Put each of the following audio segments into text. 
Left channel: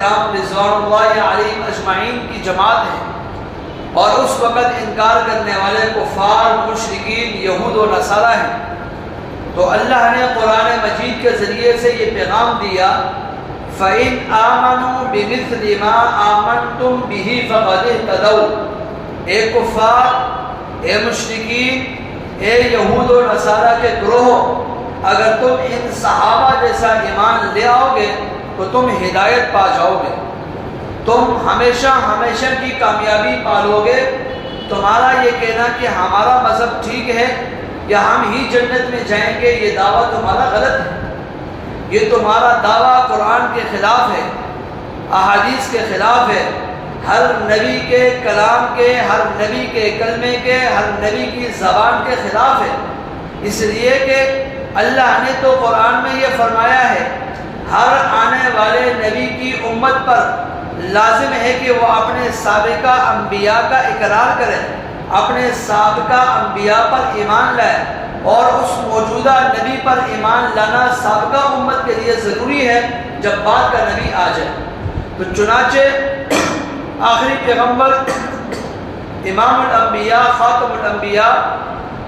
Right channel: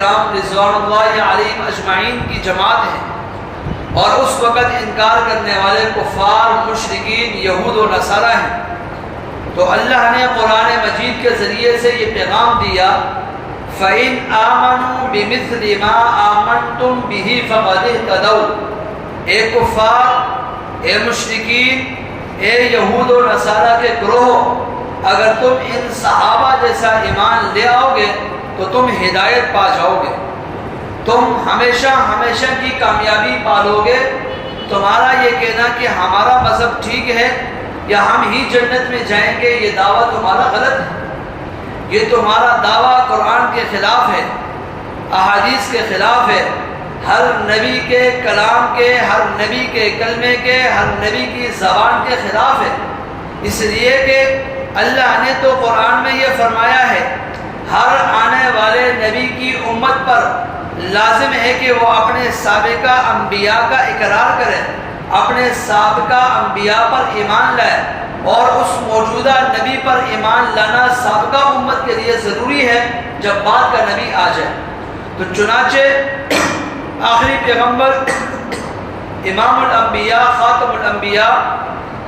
کرام رضوان اللہ علیہم اجمعین کی جماعت ہے اور اس وقت انکار کرنے والے کفار مشرکین یہود و نصارہ ہیں، تو اللہ نے قرآن مجید کے ذریعے سے یہ پیغام دیا فَإِنْ آمَنُوا بِمِثْلِ مَا آمَنْتُمْ بِهِ فَقَدِ اهْتَدَوْا۔ اے کفار، اے مشرکین، اے یہود و نصارہ کے گروہ، اگر تم ان صحابہ جیسا ایمان لے آؤ گے تو تم ہدایت پا جاؤ گے، تم ہمیشہ ہمیشہ کی کامیابی پالو گے۔ تمہارا یہ کہنا کہ ہمارا مذہب ٹھیک ہے یا ہم ہی جنت میں جائیں گے، یہ دعویٰ تمہارا غلط ہے۔ یہ تمہارا دعویٰ قرآن کے خلاف ہے، احادیث کے خلاف ہے، ہر نبی کے کلام کے، ہر نبی کے کلمے کے، ہر نبی کی زبان کے خلاف ہے۔ اس لیے کہ اللہ نے تو قرآن میں یہ فرمایا ہے ہر آنے والے نبی کی امت پر لازم ہے کہ وہ اپنے سابقہ انبیاء کا اقرار کرے، اپنے سابقہ انبیاء پر ایمان لائے، اور اس موجودہ نبی پر ایمان لانا سابقہ امت کے لیے ضروری ہے جب بعد کا نبی آ جائے۔ تو چنانچہ آخری پیغمبر امام الانبیاء خاتم الانبیاء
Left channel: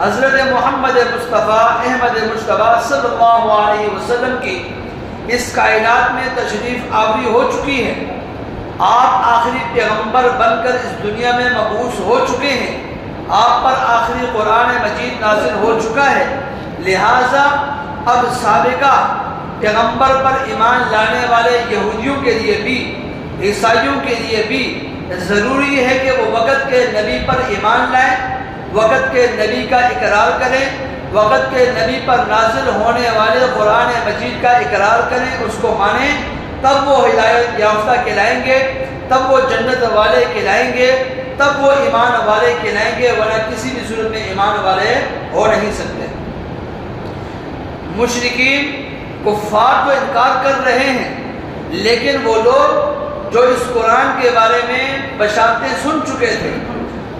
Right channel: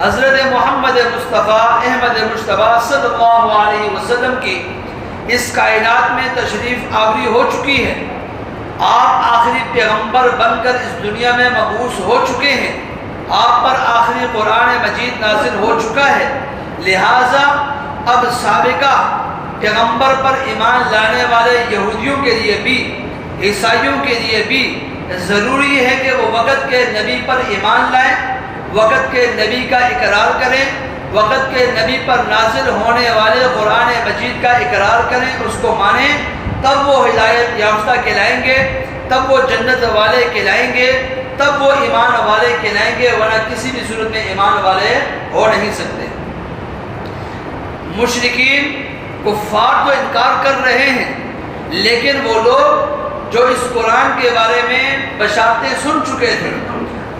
حضرت محمد مصطفیٰ احمد مجتبیٰ صلی اللہ علیہ وسلم کی اس کائنات میں تشریف آوری ہو چکی ہے۔ آپ آخری پیغمبر بن کر اس دنیا میں مبعوث ہو چکے ہیں، آپ پر آخری قرآن مجید نازل ہو چکا ہے، لہٰذا اب سابقہ پیغمبر پر ایمان لانے والے یہودیوں کے لیے بھی، عیسائیوں کے لیے بھی ضروری ہے کہ وہ وقت کے نبی پر ایمان لائیں، وقت کے نبی کا اقرار کریں، وقت کے نبی پر نازل ہونے والے قرآن مجید کا اقرار کریں، اس کو مانیں، تب وہ ہدایت یافتہ کہلائیں گے، تب وہ جنت والے کہلائیں گے، تب وہ ایمان والے کہلائیں گے، ورنہ کسی بھی صورت میں ایمان والے ہو نہیں سکتے۔ مشرکین کفار تو انکار کر رہے ہیں، لیکن وہ لوگ جو اس قرآن کے بارے میں بشارتیں سن چکے تھے،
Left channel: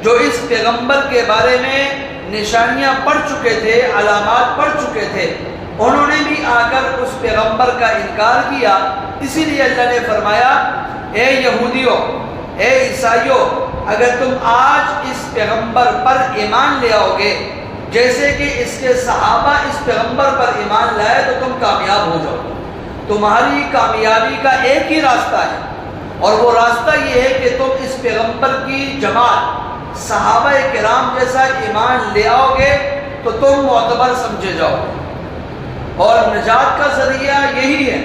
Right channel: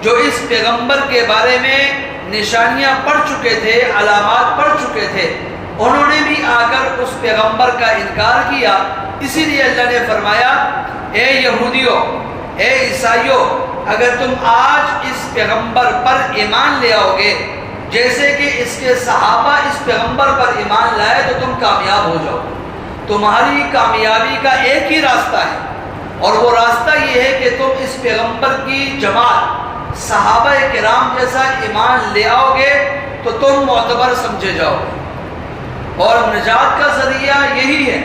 جو اس پیغمبر کے بارے میں نشانیاں پڑھ چکے تھے، علامات پڑھ چکے تھے، انہوں نے بھی آ کر اس پیغمبر کا انکار کیا۔ اسی لیے اللہ نے فرمایا اے یہودیوں، اے عیسائیوں، اگر تم آج اس پیغمبر پر ایمان لے آؤ گے جیسے کہ اس کے صحابہ اس پیغمبر پر ایمان لائے تو تم کامیاب ہو جاؤ۔ تمہاری کامیابی کا ایک ہی راستہ ہے، اور وہ راستہ یہ ہے کہ تم اس پیغمبر کی جماعت صحابہ کرام جیسا ایمان لے آؤ گے تو تم معتبر سمجھے جاؤ گے، اور نجات کا ذریعہ یہی ہے۔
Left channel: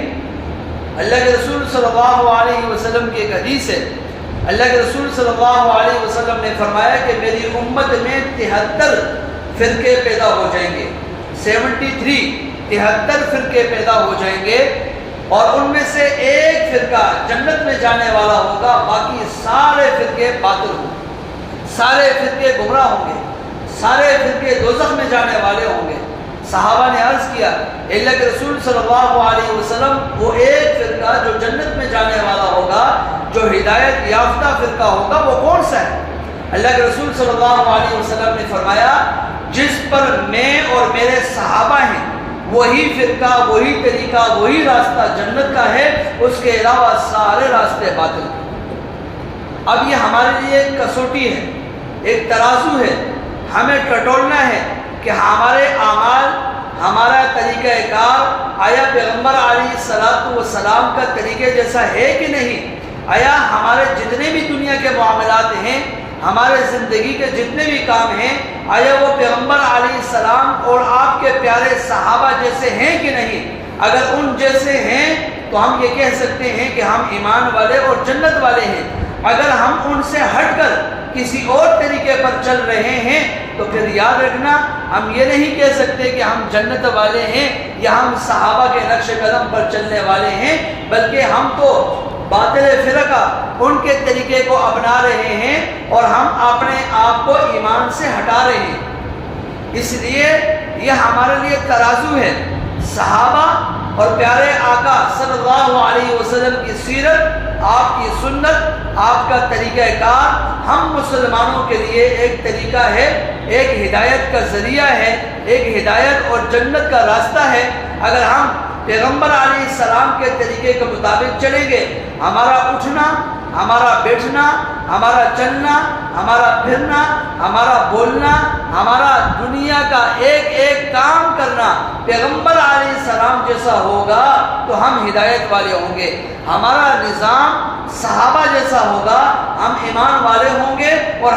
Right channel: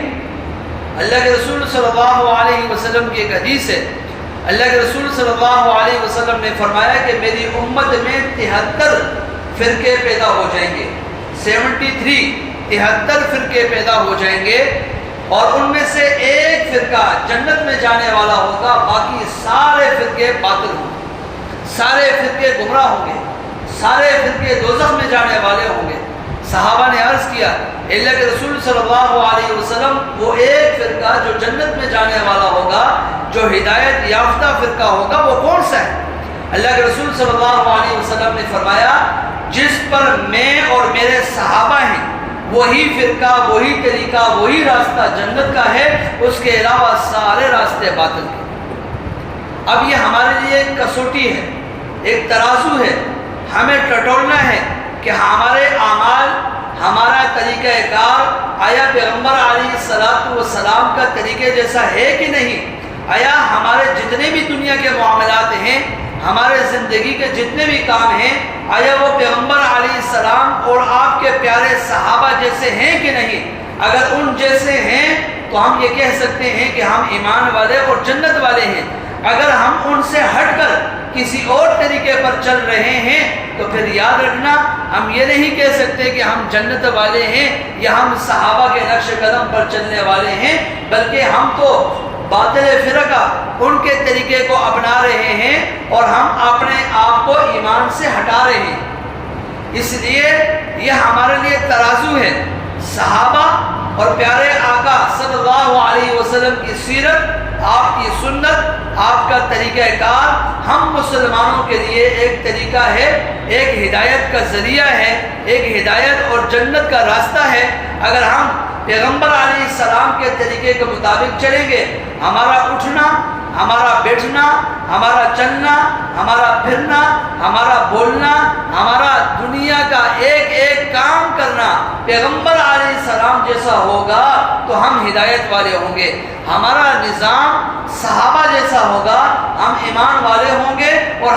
اللہ کے رسول صلی اللہ علیہ وسلم کی ایک حدیث ہے، اللہ کے رسول صلی اللہ علیہ وسلم نے فرمایا کہ میری امت میں 73 فرقے پیدا ہو جائیں گے، 73 فرقے پیدا ہو جائیں گے، اور ان میں سے ایک فرقہ جنت میں جانے والا ہوگا، باقی سارے فرقے باطل ہوں گے، سارے فرقے گمراہ ہوں گے، سارے فرقے دوزخ میں جانے والے ہوں گے۔ صحابہ نے عرض کیا اللہ کے رسول صلی اللہ علیہ وسلم، وہ ایک فرقہ جو جنت میں جانے والا ہوگا، جو ہدایت یافتہ فرقہ ہوگا، وہ کون سا ہے؟ اللہ کے رسول صلی اللہ علیہ وسلم نے فرمایا جس پر میں اور میرے صحابہ ہیں وہی فرقہ، وہی طریقہ، وہی راستہ جنت کا ہے، اس کے علاوہ سارے راستے باطل ہیں۔ اب یہ ہمارے لیے ایک کسوٹی ہے، ایک ترازو ہے، ہمیں ٹٹولنا ہے کہ ہمارے اعمال، ہمارا طریقہ کار آیا پیغمبر علیہ السلام کا طریقے جیسا ہے کہ نہیں؟ آیا ہمارے جتنے بھی دنیا کے معاملات ہیں، ہمارے زندگی کے جتنے بھی کام ہیں، آیا وہ پیغمبر علیہ السلام اور آپ کے پیارے صحابہ جیسے ہیں کہ نہیں؟ اگر ان جیسے ہیں تو ہم یہ کہہ سکتے ہیں کہ ہم ایمان والے اور جنت والے ہیں۔ اگر ہم ان سے ہٹ کر کسی اور طریقے پر چل رہے ہیں تو پھر یاد رکھنا ہم یہ نہیں کہہ سکتے کہ ہم جنت والے ہیں یا ہم صحابہ کے نقش قدم پر چلنے والے ہیں، بلکہ ہم تو باطل فرقہ ان کے طریقے کو اپنا رہے ہیں اور ہم اپنے آپ کو ایمان سے ہٹا رہے ہیں۔ اس لیے یہ ہمارے لیے ترازو ہے۔ صحابہ اور پیارے آقا صلی اللہ علیہ وسلم کی سیرت، آپ کی سنت، آپ کا طریقہ کار ہم مسلمانوں کے لیے ایک طریقہ ہے، ایک ہدایت کا ذریعہ ہے، ایک ہدایت اور جنت کا راستہ ہے۔ اگر ہم پیغمبر علیہ السلام کے طریقے کے مطابق چلیں گے، ہمارا اٹھنا، ہمارا بیٹھنا، ہمارا چلنا، ہمارا پھرنا، ہمارا بولنا، ہمارا دنیا کا ایک ایک کام کرنا پیغمبر علیہ السلام جیسا ہوگا تو ہم ہدایت والے ہوں گے۔ ہمارا نظام صحابہ جیسا ہوگا، ہم ایمان والے ہوں گے، اور